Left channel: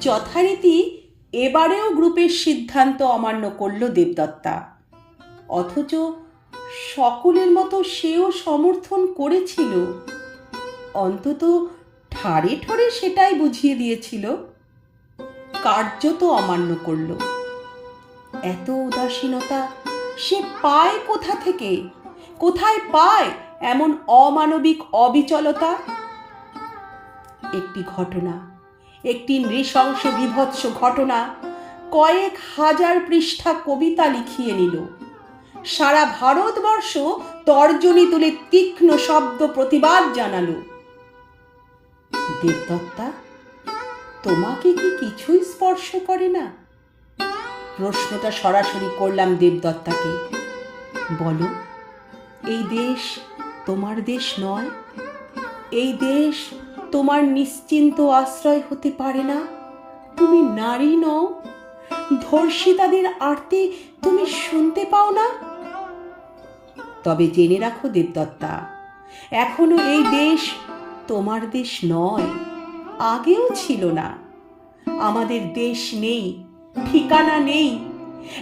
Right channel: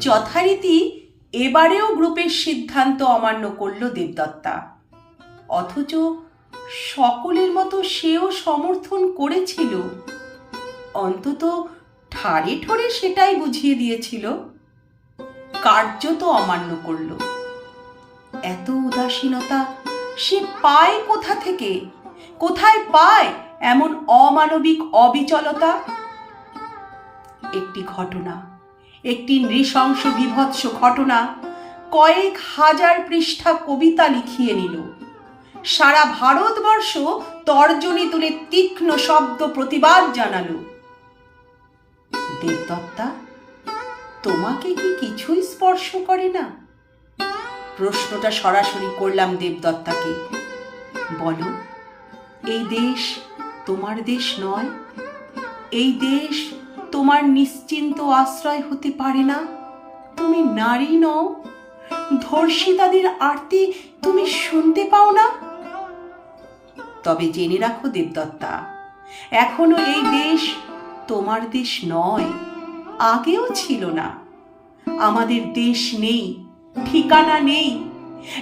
যথারীতি এবারেও গ্রুপের সিদ্ধান্ত অমান্য করল দেবদত্তা। অথচ সকলের মতো সেও সমর্থন করেছিল। অন্তত ঠাড়ে ঠোরে সেটাই বুঝিয়ে দিয়েছিল। কার্যত অমান্য করল। এত উদাসীনতা সে পায় কোথা থেকে? কোথায় পায় এমন অমানবিক অবিচলতা? একটি ঘটনা একটি নৃশংস বিভৎস ঘটনা কয়েক হাজার পৃষ্ঠা কবিতা লিখিয়ে নিল। সারা ভারতবর্ষ তর্জনী তুলে তীক্ষ্ণ শব্দ প্রতিবাদ জানালো। দেবদত্তা, তোমাকে কি কিছুই স্পর্শ করে না? প্রশ্নটা সরাসরি করলাম দেবদত্তাকে। বলো, এই দেশ তোমার দেশ নয়? এই দেশ তোমার নিশ্চিন্ত আশ্রয় হতে পারে না। তুমি নারী নও। ধর্ষিতাদের আরতি তুমি শুনতে পাও না। তবে জেনে রাখো দেবদত্তা, এখনও এই দেশ তোমার দেশ নয়, আগেও ছিল না। আমাদের দেশ নেই, ঠিকানা নেই,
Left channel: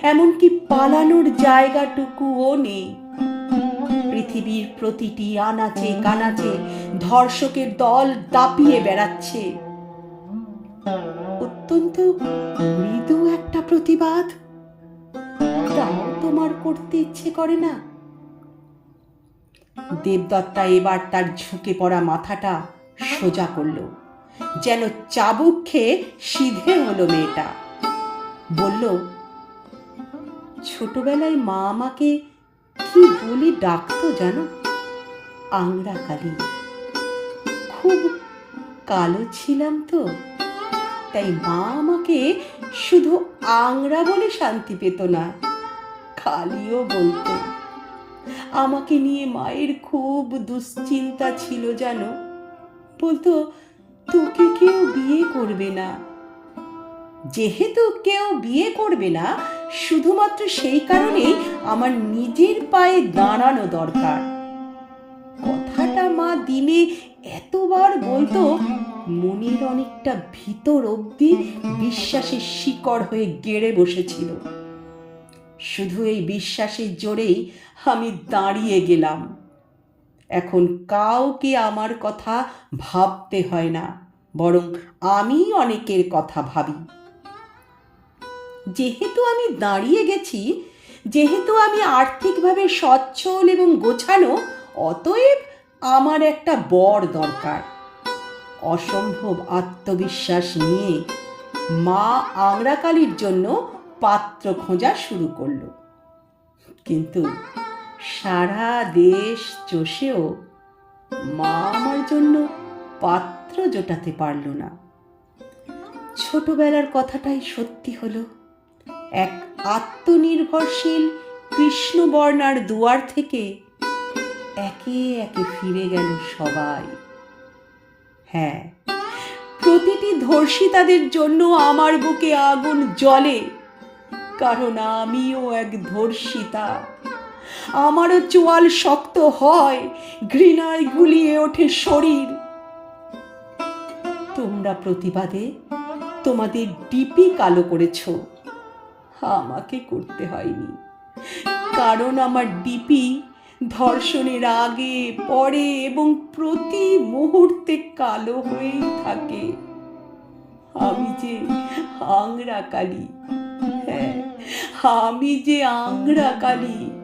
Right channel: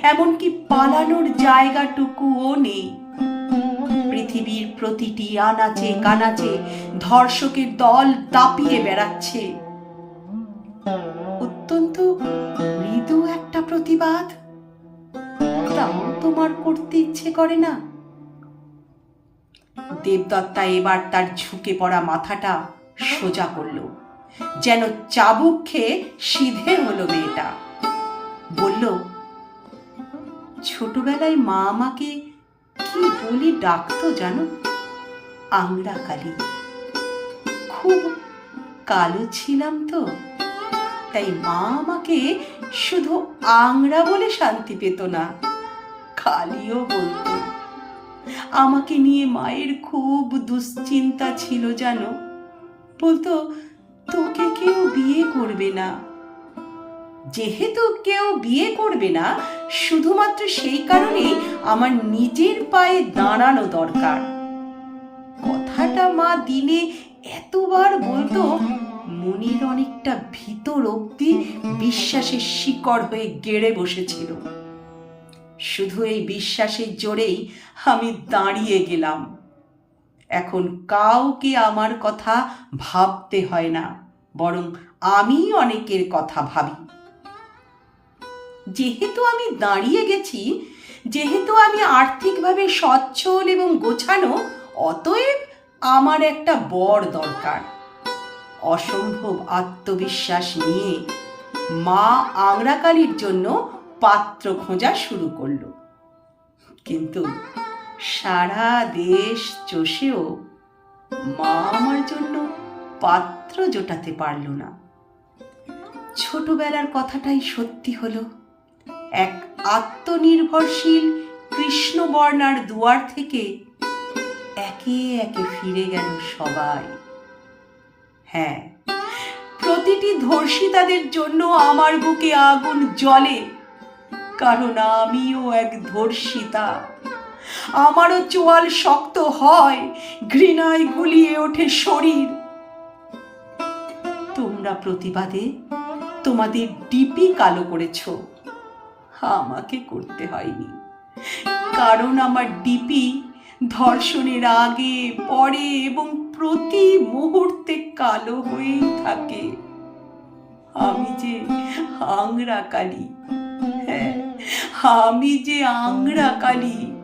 এমনকি পালানোর জায়গাটুকুও নেই। পৃথিবীর প্রতিটি আনাচে কানাচে ধর্ষকের দল দাপিয়ে বেড়াচ্ছে। অত্যন্ত মৃদু একটা প্রতিবাদ। তোমার করতে ইচ্ছে করে না? দেবদত্তা এবার তার ঝুঁকে পড়া মাথাটা সোজা করল। যেন চাবুক খেয়ে সিধে হলো মেয়েটা। বলল, ছোটবেলায় মা আমাকে কি বলি ডাকতো জানো? আংরা কালী। খুব কালো ছিলাম তো, তাই মা আমাকে শুধু আংরা বলে শান্তি পেত না, কালিও বলতো। আমাকে নিয়ে মায়ের খুব দুশ্চিন্তা ছিল জানো। বলতো, তোকে কেউ বিয়ে করবে না। যেহেতু কেউ বিয়ে করবে না, শুধুমাত্র সেই কারণেই আমার নিজের পায়ে দাঁড়ানো দরকার। কথাটা মা দিলে এতবার বলতো, মনের অনেকটা ভিতর অবধি বিশ্বাসের শিকড় হয়ে গেড়ে বসেছিল। শুধু এই বিশ্বাসের জোরেই আমি দাঁড়িয়ে গেলাম। এখন কাউকে আমার কথা ভাবতে হয় না, বরং আমি অনেকের কথা ভাবি। যেহেতু আমি দাঁড়িয়ে গেছি, যেহেতু আমি আর্থিকভাবে সচ্ছল এবং গোছানো অতএব আমার একটা বর দরকার। অসম্ভব আত্মবিশ্বাস নিয়ে মা আংরাকালির জন্য পাত্র খোঁজা শুরু করল। কিন্তু সারা দেশ চষেও মা আমার জন্য পাত্র জোটাতে পারল না। ছোটবেলার কথাটাই সত্যি হলো। এক আত্মনির্ভরশীল কৃষ্ণবর্ণার দুয়ার থেকে একে একে ফিরে গেল সবাই। হ্যাঁ প্রতিটি ধর্ষিতাদের জন্য আমার বুকে আগুন জ্বলে, কারণ আমিও এক ধর্ষিতা। আমারও চোয়াল শক্ত হয়, ঘৃণায় গুলিয়ে ওঠে শরীর। তোমরা প্রতিবাদে তোমাদের ডিপি কালো করেছ। আমাকে করতে হয়নি। কারণ আমার ডিপি ধর্ষণের আগে, পরে এবং প্রতি মুহূর্তে কালো হয়েই থাকে। আমি যে আংরা কালী হ্যাঁ আমি যে আংরা কালী